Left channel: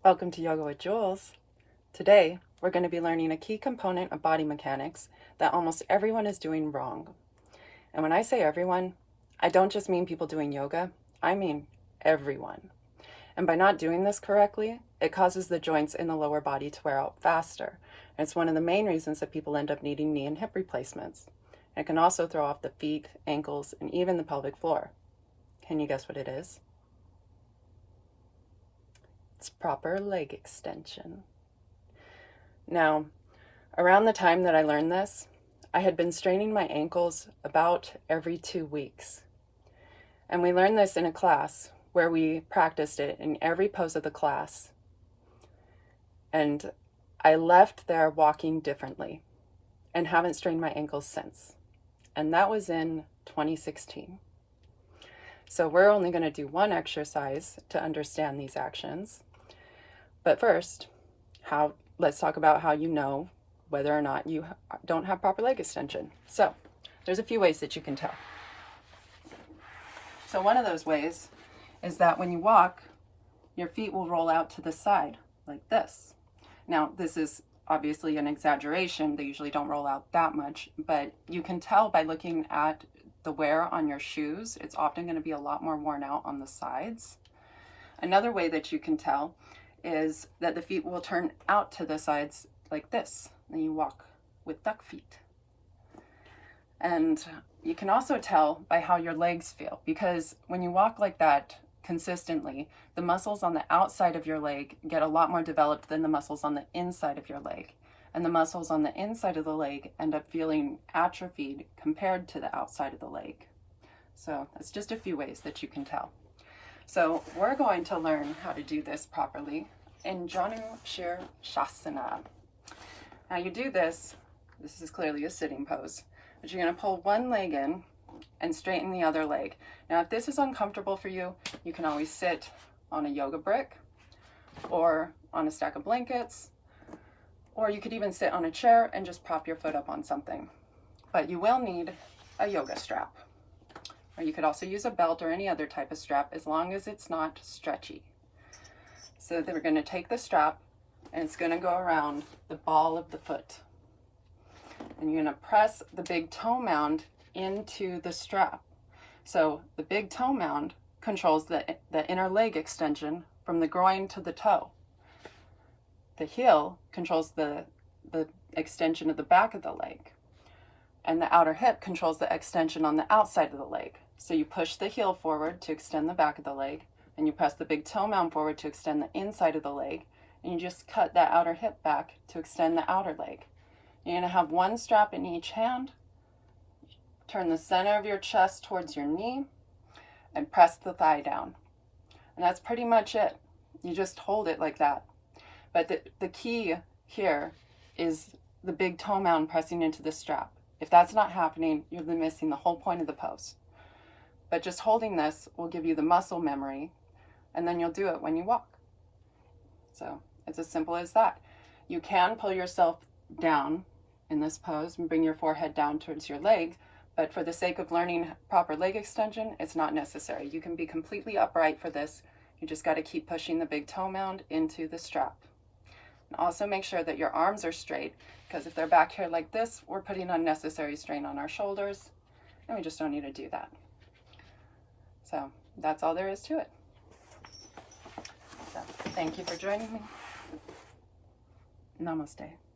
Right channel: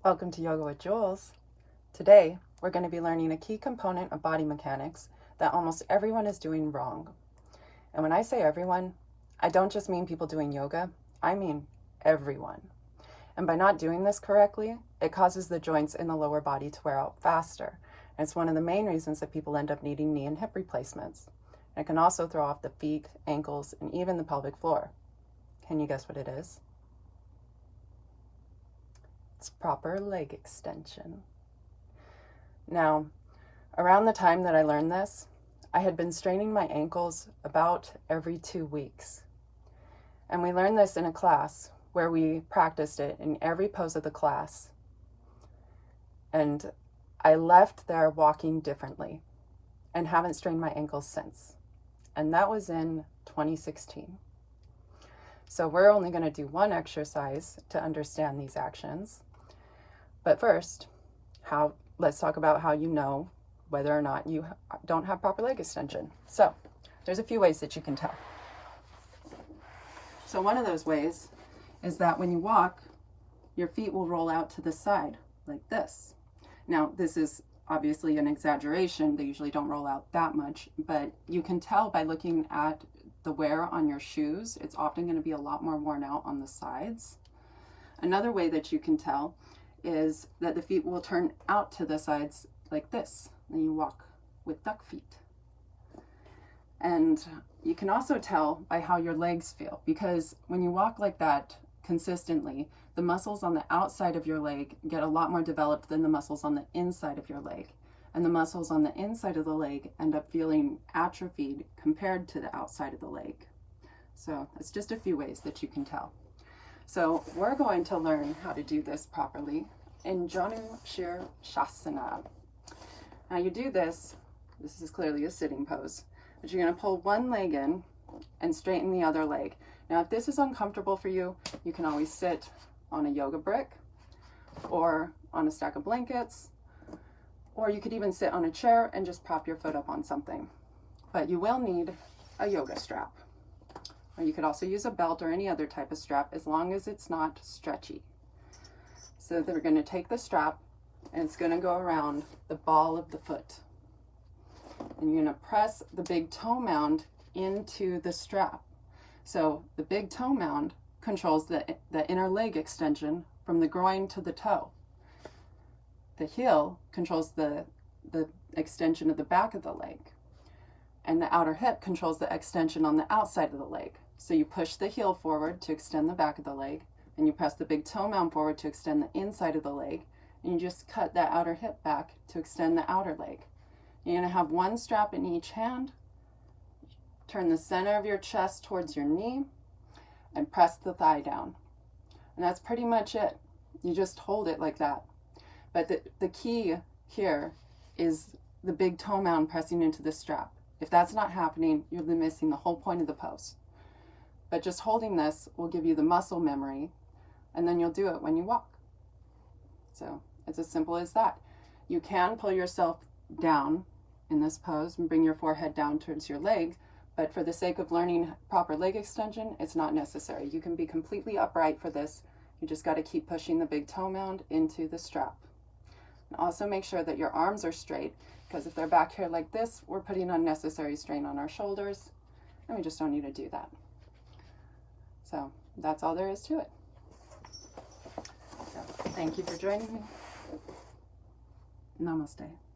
Welcome to Yoga with Jules. Today, we're going to be learning a key component of body mechanics that almost everyone is doing wrong. And when I say everyone, I don't just mean people doing yoga, I mean everyone. And by not doing this correctly, it causes the joints in the lower body to wear out faster. And it's one of the main reasons that people end up needing knee and hip replacements. And it can also throw off the feet, ankles, and even the pelvic floor. Can you guess what it is? It's proper leg extension. Now, around the time that I learned this, I had been straining my ankles about every 2 weeks. And we learned this in a class where we practiced it in every pose of the class. And I left there walking differently and haven't strained my ankles since. And that was in 2016. So we're only going to do one exercise to understand these actions. But first, let's talk about how you know whether or not you don't have proper leg extension. So there's a few ways that you can tell. So one of those ways is that when you walk, your feet will roll out to the side like this. Now, this is obviously an exaggeration. They usually don't roll out that much, but you can tell by looking at the wear on your shoes. It's often going to be a lot more worn out on the sides. Another way that you can tell is that the feet will turn out to the sides like this, and you walk with duck feet. And you can also tell by how your legs feel, because when you walk like that consistently, the muscles on the outside of your leg get a lot more developed than the muscles on the inside of your leg. And the muscles on the inside of the leg end up feeling atrophied compared to the outside of the leg. So that's just a few ways that you can tell. So we're going to learn how to do this properly in Janu Shirshasana. Now you do this is clearly a sitting pose, but you're going to pull one leg in and straighten the other leg. Now if this is uncomfortable for you, you can always sit on a yoga brick or on a stack of blankets, or you could even sit on a chair and just prop your foot up on something. But you will need a yoga strap. Or you could also use a belt or any other type of strap as long as it's not stretchy. So then we're going to take the strap and it's going to go around the ball of the foot. And you're going to press the big toe mound into the strap. So the big toe mound controls the inner leg extension from the groin to the toe. The heel controls the extension of the back of the leg. And the outer hip controls the extension on the outside of the leg. So you push the heel forward to extend the back of the leg, and you press the big toe mound forward to extend the inside of the leg, and you just cut that outer hip back to extend the outer leg. You're going to have one strap in each hand. Turn the center of your chest towards your knee, and press the thigh down. And that's pretty much it. You just hold it like that. But the key here is the big toe mound pressing into the strap. If that's not happening, you're missing the whole point of the pose. But just holding this will give you the muscle memory, and then you'll do it when you walk. So it's as simple as that. You can pull yourself down in this pose and bring your forehead down towards your leg, but for the sake of learning proper leg extension, it's not necessary. You can be completely upright for this. You just got to keep pushing the big toe mound into the strap. And also make sure that your arms are straight, because if they're back here like this, we're putting unnecessary strain on our shoulders, and we just don't need to do that. So that's all there is to it. So, thank you for joining me. Namaste.